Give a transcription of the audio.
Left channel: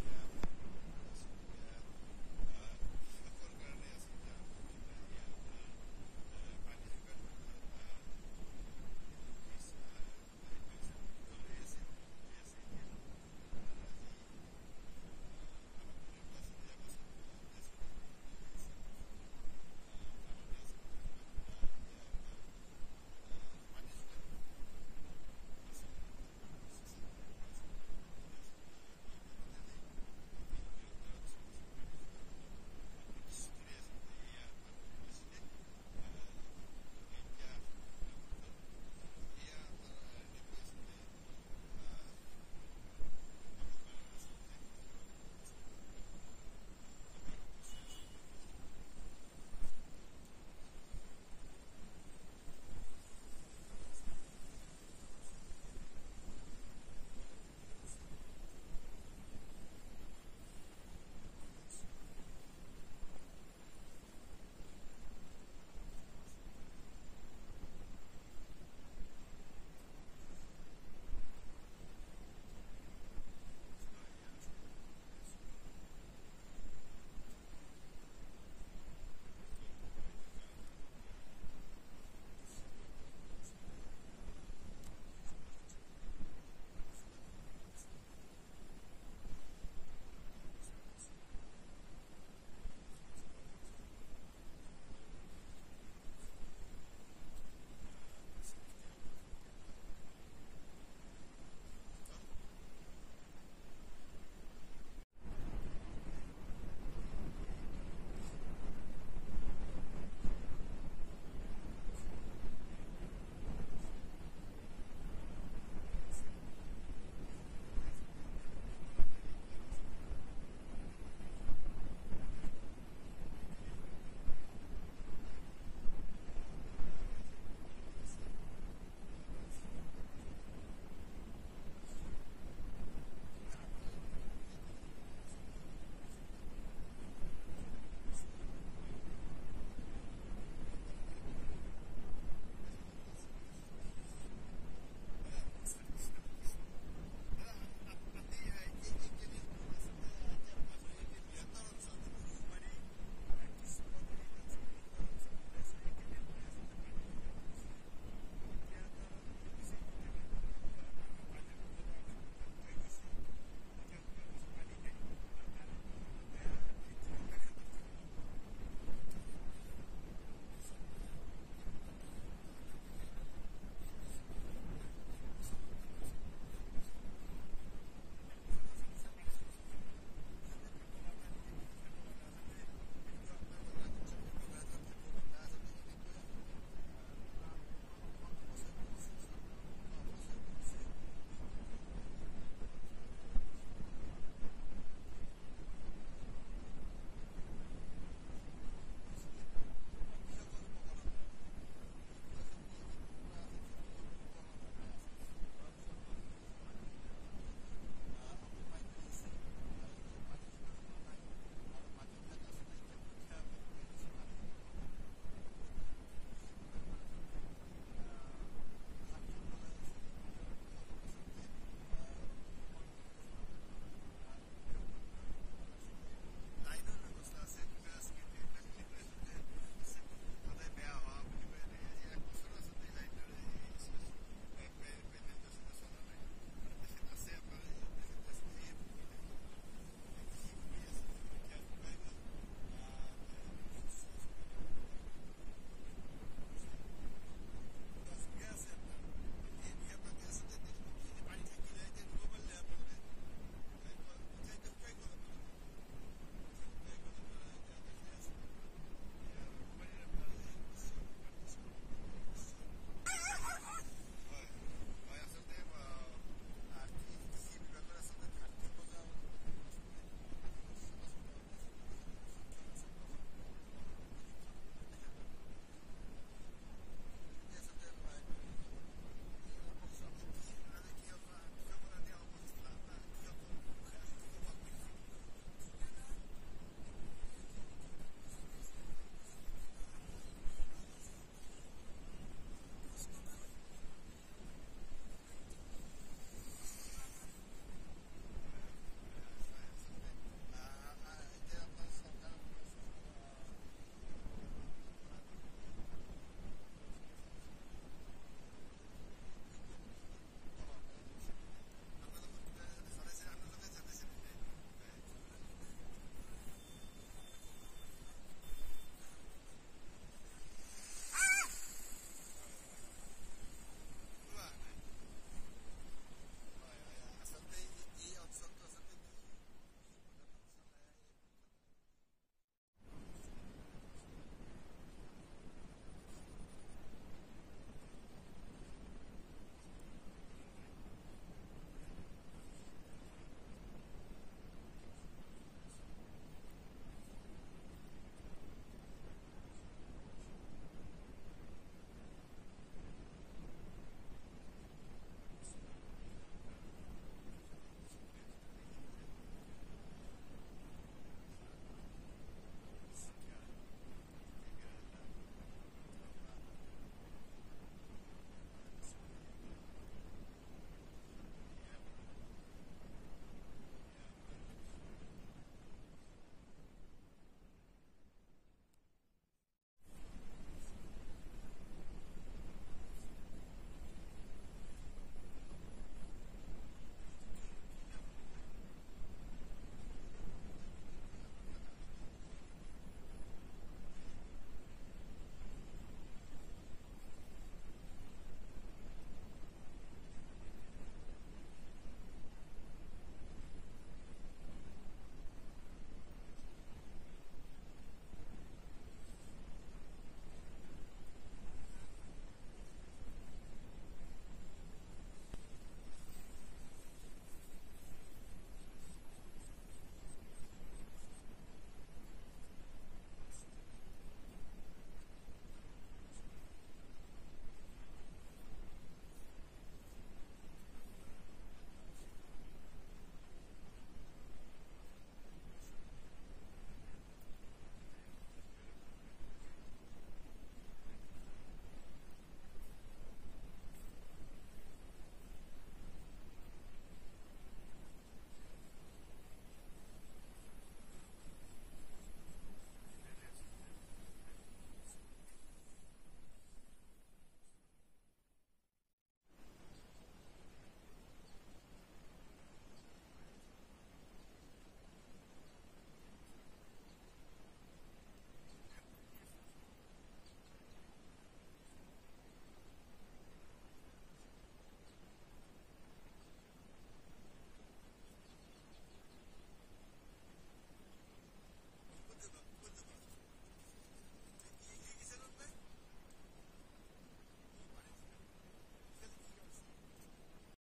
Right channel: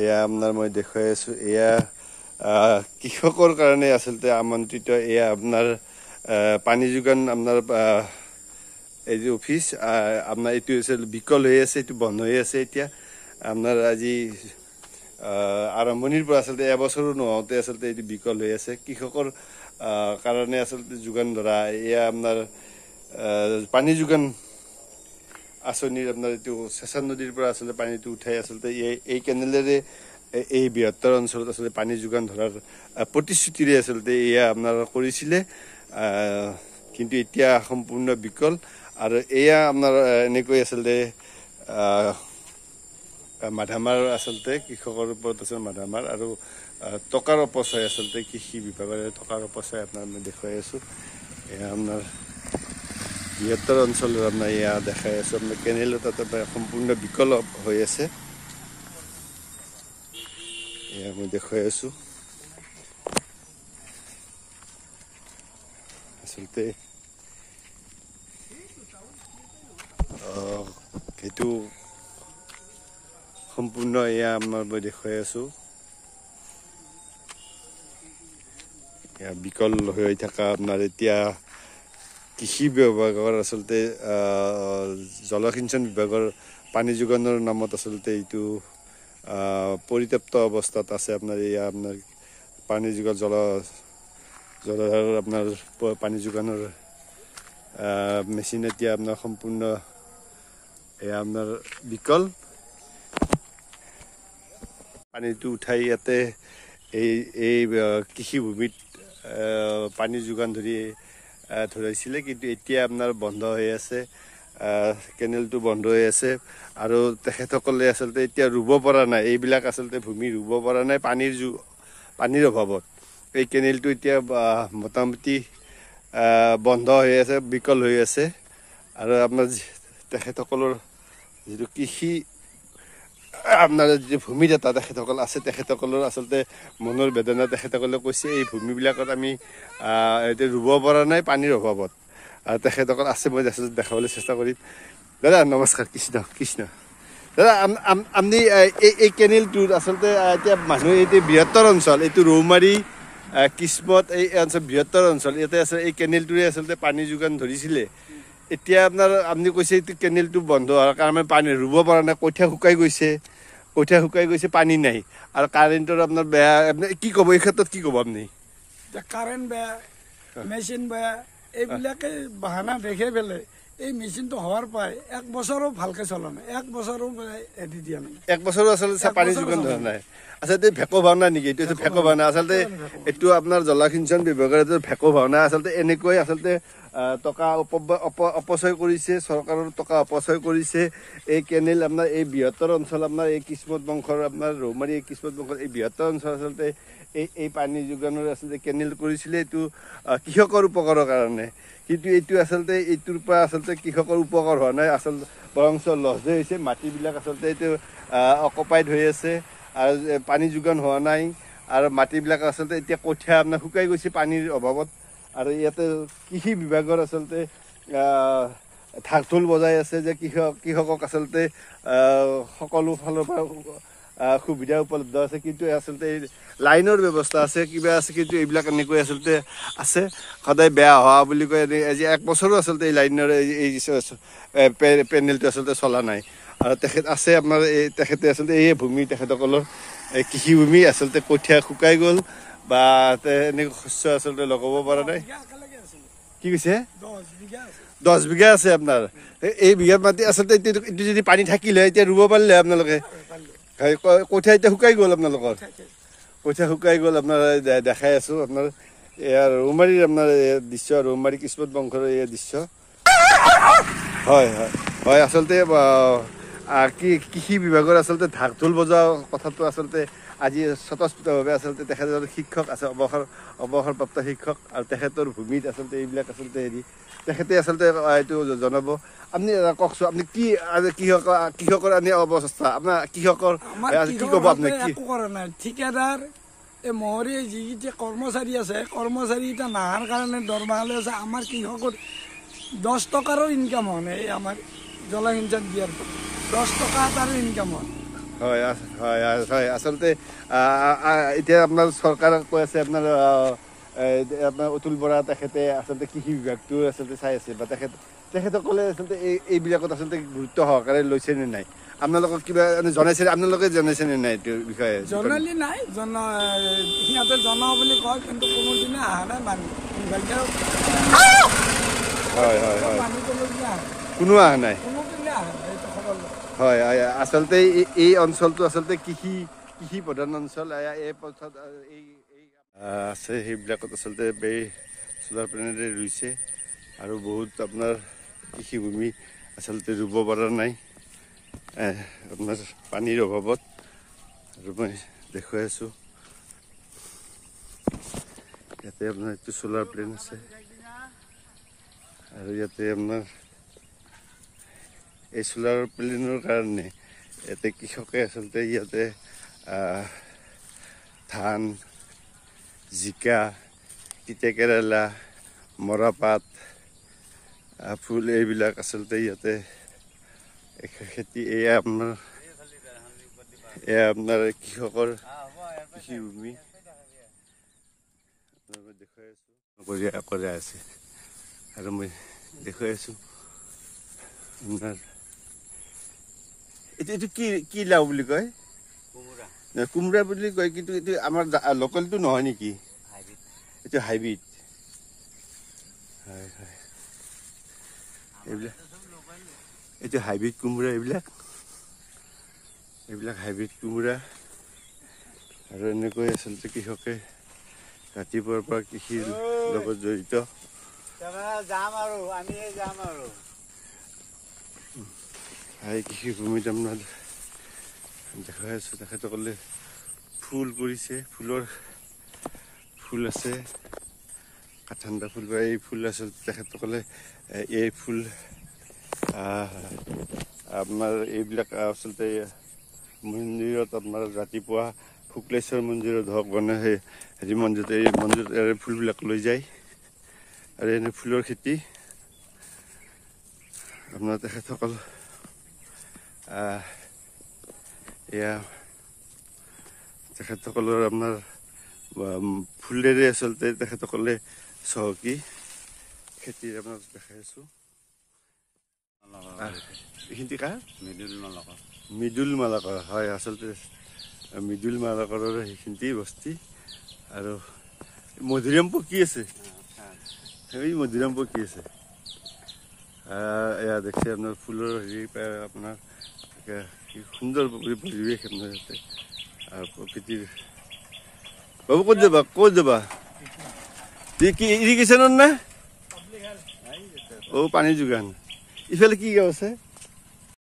এয়া আপোনাৰ মই দেখুৱাই আছোঁ এয়া কৃষকৰ কাৰণে আচলতে আমন্ত্ৰিত এয়া আপোনাৰ পানী যোগান আপোনাৰ এই যে অফিচ আপোনাৰ এইটো আছিল বিকল হৈ আছে, এইটো বন্ধ হৈ আছে এতিয়া আপোনাৰ আজি আৰম্ভণিৰ পৰা আচলতে এবছৰো নহওঁতে আচলতে এইটো বিকল হৈ আছে কৃষকৰ কাৰণে আচলতে যোগান ধৰা এয়া আপোনাৰ পানী যোগান আঁচনিৰ আপোনাৰ এইটো চেঁচা নদীৰ পৰা আচলতে পানীটো উঠাই আচলতে এই কেনেলেৰে এই বৃহত্তৰ অঞ্চলত আচলতে পানী যোগান ধৰাৰ প্ৰতিশ্ৰুতিৰে আচলতে এয়া আপোনাৰ কৰিছিলে, কিন্তু এতিয়া সম্পূৰ্ণ বিকল। আৰু এয়া আপোনাৰ এনেকৈ আচলতে মাধামাৰ আচলতে কৃষকৰ ওপৰত আচলতে মাধামাৰ আৰু টকাৰ অপচয় আচলতে কৃষি বিভাগৰে টকাৰ অপচয় আপোনাৰ মই দেখুৱাই আছোঁ। এয়া আপোনাৰ বৃহত্তৰ অঞ্চলৰ আপোনাৰ এয়া দেখাই আছোঁ আপোনাৰ কেনেলৰ তাতে সম্পূৰ্ণ বিকল হৈ আছে, এয়া মই দেখুৱাই আছোঁ। আচলতে সেইটো সম্পূৰ্ণ এয়া আমাৰ মই দেখুৱাই আছোঁ, এয়া বিকল হৈ থকা আপোনাৰ এতিয়া কৃষি বিভাগৰ আচলতে জলসিঞ্চন বিভাগৰ পানী যোগানৰ নামত আচলতে এইটো পৰিত্যক্ত অৱস্থাত আছে আপোনাৰ এয়া আপোনাৰ পানী যোগান জলধাৰৰ আপোনাৰ পানী যোগানৰ মেচিন এতিয়া আপোনাৰ সম্পূৰ্ণ এয়া আপোনাৰ বিকল। পানীটো উঠাই ইয়াতে এই কৃষিভূমিত পানী যোগান ধৰিছিলে, কিন্তু এতিয়া আপোনাৰ বন্ধ হৈ আছে, কেনেলটো বন্ধ হৈ আছে আৰু তেখেতসকলে আচলতে এতিয়া ৰুব পৰা নাই, এইবিলাক আচলতে ভূমি ৰুব পৰা নাই পানীৰ অভাৱত। এই কেনেলটো এতিয়া মোটামুটি বন্ধ হৈ আছে, বিকল হৈ আছে আৰু আপোনাৰ তেখেতসকলৰ যিটো কৃষি আপোনাৰ যি ভূমিদাতা তেখেতসকল আছে তেখেতসকলৰ আচলতে মনৰ বেদনা তেখেতসকলে কৈছে এই ভূমিবিলাকত আমি এতিয়া ৰুব পৰা নাই পানীৰ অভাৱত। আৰু তেখেতসকল আছে, মই আচলতে দেখাবলৈ চেষ্টা কৰিম। দাদা নমস্কাৰ, কৃষ্ণ দাদা, আপুনি এই কেনেলটোত আচলতে এতিয়া মানুহে এতিয়া বৃহত্তৰ অঞ্চল এইটো ৰৌমাৰী কিসমত এই অঞ্চল বৃহত্তৰ অঞ্চল ইয়াতে আচলতে এই কেনেলটোৰে আচলতে পানী যোগান ধৰিছিলে। এতিয়া আপুনি কৈছে এইটো কেনেলটো বন্ধ হোৱাৰ কাৰণে পানী ৰুব পৰা নাই, কঠীয়া শুকাই গৈছে, পানী নাই আৰু কাৰেণ্টৰ আপোনাৰ বেয়া, আপুনি কি ক'ব এই ক্ষেত্ৰত, কি ক'ব আপুনি? কাৰেণ্ট বেয়া, মেচিন বেয়া, এইবিলাকে বাহানা দেখে পেলাই এই মেচিনটো হোৱাৰ পৰাই 1 বছৰো ভালকে চলা নাই, 1 বছৰো এদি দিয়া নাই, 1 বছৰো আচলতে পানী যোগান ধৰা নাই। আচলতে ভেকো ভাওনা নেকি এইটো? ভেকো ভাওনা আচলতে এইটো আপোনাৰ জলসিঞ্চন বিভাগৰ এইটো ভেকো ভাওনা আচলতে এনেকৈ আচলতে টকা অপচয় কৰিছে, চৰকাৰৰ টকা অপচয় কৰিছে। এই কেনেল আপোনাৰ এই বৃহত্তৰ অঞ্চল আপোনাৰ এই কিসমত বংশৰ আপোনাৰ ৰৌমাৰী এই কিসমত বংশৰ এই বৃহত্তৰ অঞ্চল আচলতে এই পানী যোগানৰ আচলতে কেনেল কৰিছিলে এইটো কৃষকৰ উপকাৰৰ কাৰণে, কিন্তু এইটো আচলতে এইটোৰ পৰা আচলতে কৃষকৰ উপকাৰ হোৱা নাই, আচলতে বৰঞ্চ লছহে হৈছে। মাটিবিলাক আচলতে এইটো অকুপাইড হৈ আছে আৰু পানী যোগান হোৱা নাই আৰু মাটিবিলাক আচলতে এতিয়া কঠীয়া আপোনাৰ শুকাই গৈছে পানীৰ অভাৱত। আৰু ইয়াতে কৃষি বিভাগৰ আচলতে ঢাক ঢোল বজাই আছে যে কৃষকক আচলতে সকলো ফালৰ পৰা সুবিধা উপলব্ধ আছে, কিন্তু আচলতে লাইনৰ ব্যৱস্থা আছে, কিবা আছে, কিন্তু এইবিলাক এনেকৈ আচলতে আছে। সদায় বেয়া হোৱা বুলি কয়, আজি 1 বছৰো আচলতে এই লাইনৰ এই পেনেলটো আচলতে চলা নাই। আৰু তেখেত আছে আপোনাৰ তেখেতে আচলতে এই ভূমি তেখেতসকলৰ কৃষিভূমি আচলতে কঠীয়া শুকাই গ'ল বা এনেকৈ শস্য আচলতে লগাব পৰা নাই। কি কৈছে? 10 বিঘা আছে আপোনাৰ। এই বিঘাত মাটি আচলতে এইটো যদি পানী থাকিলে এতিয়া ৰুব পাৰিলে আপোনালোকে। কঠীয়া এতিয়া শুকাই গ'ল আপোনালোকৰ, কঠীয়া শুকাই গ'ল। আপোনাৰ দেখাই আছোঁ আপোনাৰ এয়া ৰৌমাৰীৰ আপোনাৰ দৃশ্য, ৰৌমাৰী কিসমত বংশৰ এই দৃশ্য। হয় আচলতে কৃষি বিভাগৰ আচলতে ঢাক ঢোল বজোৱা কথাটো আচলতে আজি স্বতঃস্ফূৰ্তভাৱে আচলতে তেখেতৰ শিক্ষক আছে, অৱসৰপ্ৰাপ্ত শিক্ষক, আৰু তেখেতৰ ভূমিত আচলতে এইবিলাক আচলতে তেখেতে আচলতে এইটো জনাব। আপুনি কওকচোন, আপুনি কি কৃষকৰ আনি অৱস্থা আপোনাৰ কৃষকৰ কি ক'ব আপুনি? একো কৰা নাই, ঠিকাদাৰ এই মহৰী যিকেইটা কৰ্মচাৰী আছে, কৰ্মচাৰীকেইটা নাহাৰ কাৰণে দৰমহা লৈ আছে। আমাৰ কৃষকৰ 10 টকাৰো ইনকাম হোৱা নাই, আমাৰ জলসিঞ্চন দিয়াৰ 10 টকা এটাৰো ইনকাম হোৱা নাই। হয় হয় হয় আচলতে এতিয়া আপোনাৰ চৰকাৰক কৈ আছে আপোনাৰ আপোনাৰ অতুল বৰা তেখেতে আচলতে কৃষি বিভাগটো আচলতে চাই আছে বা তেখেতসকলে আচলতে এইবিলাকত আচলতে গুৰুত্ব সহকাৰে লৈছে নে নাই আপোনালোকক কিবা জনাইছে আপোনালোকে জনাইছে নে নাই এইটোৰ বিষয়ে জনালি নাই সিহঁতে জনাওঁ বুলি কয় কিন্তু কোনোদিনে অহা নাই মানুহ বিভাগীয় হয় হয় হয় মানুহ কোনোদিনে অহা নাই কোনো অহা নাই কোনোদিনে অহা নাই এইটো খবৰ লয়। হয় আচলতে এই অঞ্চলটো আচলতে কৃষি প্ৰধান অঞ্চল এই পথত এই আছে সেইবিলাকত আচলতে এই চ'লাৰ প্লেনেৰে ৰুইছে আৰু বহুত আপোনাৰ কৃষিভূমি আচলতে ৰুব পৰা নাই আপোনাৰ পানীৰ অভাৱত আৰু মই দেখুৱাই আছোঁ ইয়াতে আপোনাৰ এইটো চ'লাৰ প্লেন আছে আৰু ইয়াতে আপোনাৰ এই চ'লাৰ প্লেনৰ কাৰণে ইয়াতে কৃষকে আচলতে ইয়াতে ধান জিকা তিতাকেৰেলা মৰাপাট ফুল এইবিলাক আচলতে ইয়াতে খেতি এয়া আপোনাৰ কৃষকৰ কৃষিভূমি দেখুৱাই আছোঁ কৰি আছে আৰু মই দেখুৱাই আছোঁ আপোনাৰ এইটো কি লাও বুলি কয় কোমোৰা বুলি কয় কিন্তু এইটো আমাৰ লোকেলটো নহয় নেকি এইটো হাইব্ৰিড হয় হয় এইবিলাক এইটো হাইব্ৰিড কোমোৰা এইবিলাক হাইব্ৰিড কোমোৰা আৰু এনেকৈ আচলতে কৃষকে ৰাতিপুৱাৰ পৰা কৃষিৰ লগত জড়িত কৃষিভূমিত আপোনাৰ দেখাই আছোঁ তেখেতসকলে ফুল কৰিছে ফুল আছে ঠাণ্ডা ফুল বা এই ফুল আচলতে তেখেতসকলে এই ফুল আপোনাৰ এইবিলাক আচলতে মন্দিৰত আপোনাৰ ৰাতিপুৱা শুক্লেশ্বৰ মন্দিৰত হওক মানে হেৰি মন্দিৰত এই ফুলবিলাক লৈ যায় আৰু এনে ফুলৰ খেতি আপোনাৰ তেখেতসকল এয়া তেখেতসকলৰ আপোনাৰ ফুলেৰে আচলতে তেখেতসকলে চহকী খেতিৰ আপোনাক দেখাই আছোঁ এইখিনি কাৰ মৃদুল মালাকৰ হয় আচলতে মৃদুল মালাকৰৰ সেইখিনি বস্তি আৰু মধুৰিআম পকি আছে এই মধুৰিআম পকি আছে এয়া দেখছে আপোনাৰ ফুলৰ হেৰি আপোনাৰ কি সুন্দৰ পৰিৱেশ আপোনাৰ ইয়াতে আৰু প্ৰকৃতিৰ বাবু ক'ত যাবা কি ইৰিগেশ্যনৰ নে পানী যোগান ইফালে কি গাঁও আছে